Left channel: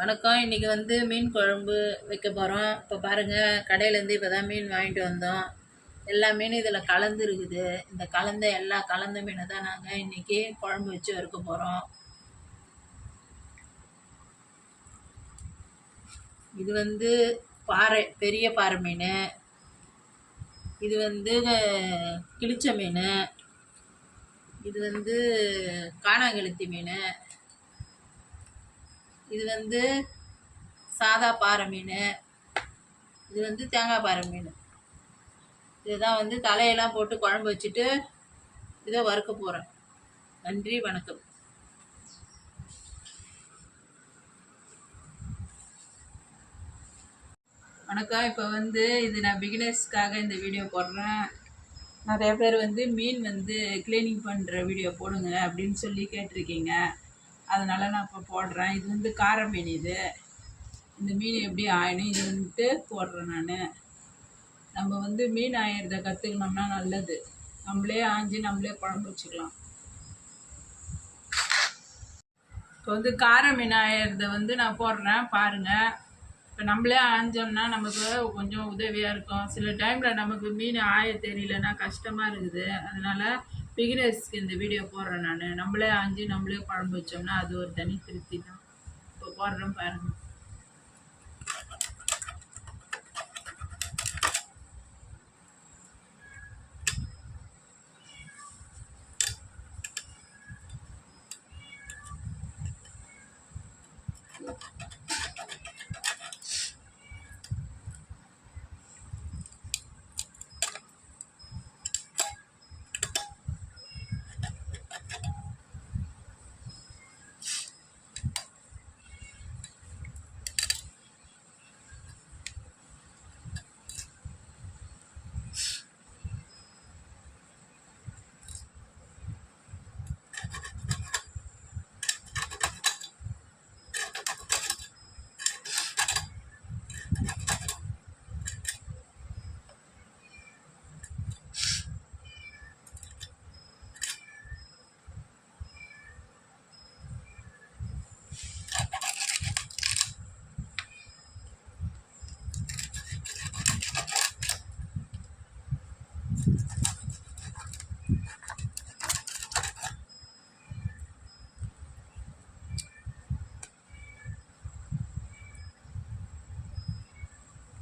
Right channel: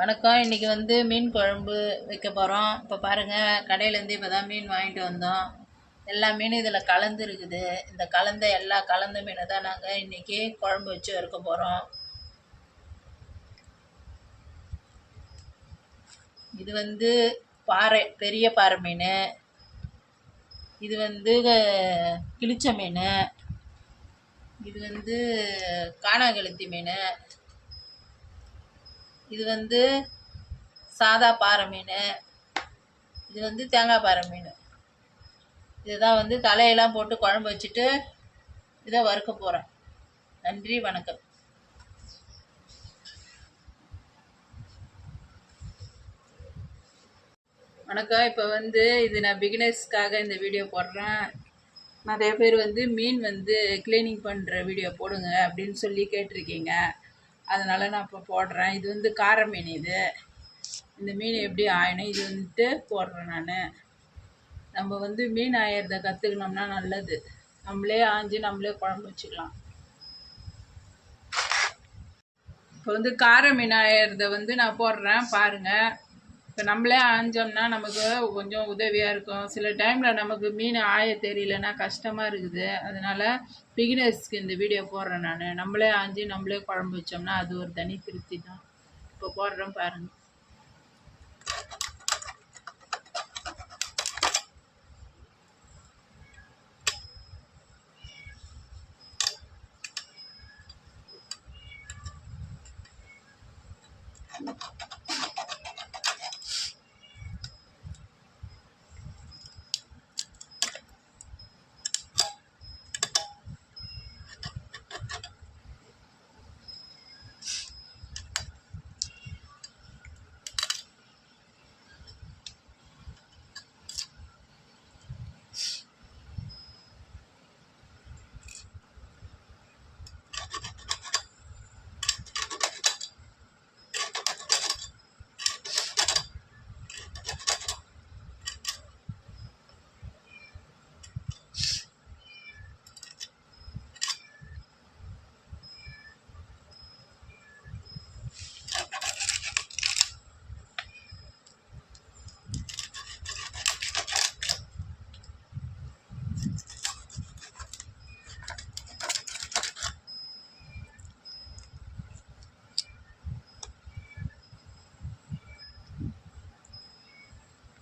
வணக்கம். இன்றைக்கி வந்து மீன் குழம்பு வைக்க போகிறோம். இப்போ பாருங்கள், கடையிலேருந்து இப்போ தான் மீன் வாங்கிட்டு வந்தோம். எல்லா மீனும் இதில் கலந்துருக்குது. இந்த கலந்த மீனை தான் நாங்கள் இன்றைக்கி குழம்பு வச்சு வறுக்க போகிறோம். இது வந்து பெரிய பாறை மீன். இது வந்து கிளிச்ச மீன். இது வந்து காணாங்கெளுத்தி மீன். இது வந்து சாதா பாறை மீன். இது வந்து தேங்காய் பாறை மீன். இதுதான் வந்து தலையெல்லாம் போட்டு குழம்பு வச்சுட்டு இதை வறுக்க போகிறேன். நன்றி, வணக்கம். வணக்கம். இப்போ வந்து இது நான் பிகினர்ஸ்க்காக இந்த வீடியோ போடுறேன். நிறைய பேர் வந்து மீன் வந்து க்ளீனிங் பண்ணுற வீடியோ போடுங்க அப்படின்னு சொல்லி கேட்டிருக்கீங்க. அதனால் நான் இப்போ போடுறேன். இது வந்து கார மீன். இந்த மீன் எப்படி ஆயணும் இது வந்துட்டு போடுறேன் நான். நம்ம வந்து மீன் ஆயிறத கற்றுக்கணும்னா நல்லது. நம்மளே ஆஞ்சி நம்மளே குழம்பு வச்சுக்கலாம். இப்போ வந்து கார மீன் ஆயிறத வந்து நான் போடுறேன் பாருங்கள். இப்போ நம்மளே ஆஞ்சோம்னா நமக்கு கொஞ்சம் உதவியாக இருக்கும். சில டைமில் நமக்கு மீன் ஆய தெரியலன்னா கஷ்டமாக இருக்குது. அதனால் பிகினர்ஸ்க்கு இந்த வீடியோ போடுறேன் நான். நம்மளே ஆஞ்சி நம்மளே குழம்பு வச்சோம்னா அது ஒரு தனி திருப்தி தான். இப்போ போடுறேன் பாருங்கள்.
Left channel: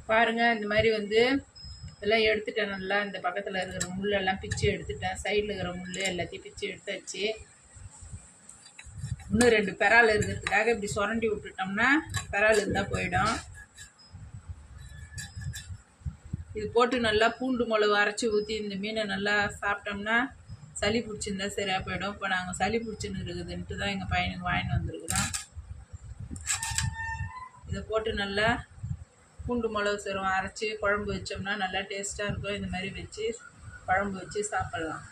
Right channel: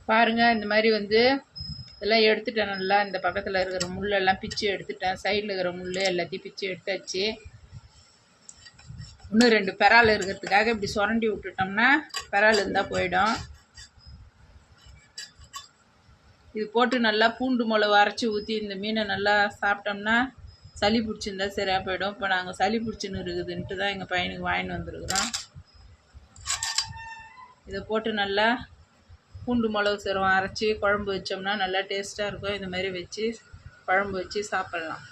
பாருங்கள், இந்த மாதிரி வந்து இதெல்லாம் எடுத்துட்டேன். நல்லா இந்த பக்கத்தில் இருக்கிற முள்ளெல்லாம் பிச்சு எடுத்துட்டேன். சைடில் இருக்கிற முள் எல்லாத்தையும் பிச்சு எடுத்தாச்சு. இன்னும் 2 பெறால் இருக்கிறதுக்காக இப்படி சுரண்டி விட்டுட்டோம்னா பெறால் இருந்தால் போயிடும். இது போட்டு நல்லா பூண்டு மிளகு அரைச்சி ஊற்றி இந்த மீனை நல்லா சாப்பிட்டோம்னா சளி பிடிச்சிருந்தா சரியாக போயிடும். இப்போ நாங்கள் சளி பிடிச்சின்னு இருக்குதுன்ட்டு தான் எங்கள் பையனுக்கு வாங்கின்னு வந்துருக்குறோம். இதை போட்டு நல்லா பூண்டு மிளகு சீரகம் அரைச்சி குழம்பு வச்சோம்னா நல்லா டேஸ்ட்டாக இருக்கும். இந்த மாதிரி வச்சு குழம்பு வச்சு சாப்பிட்லாம்.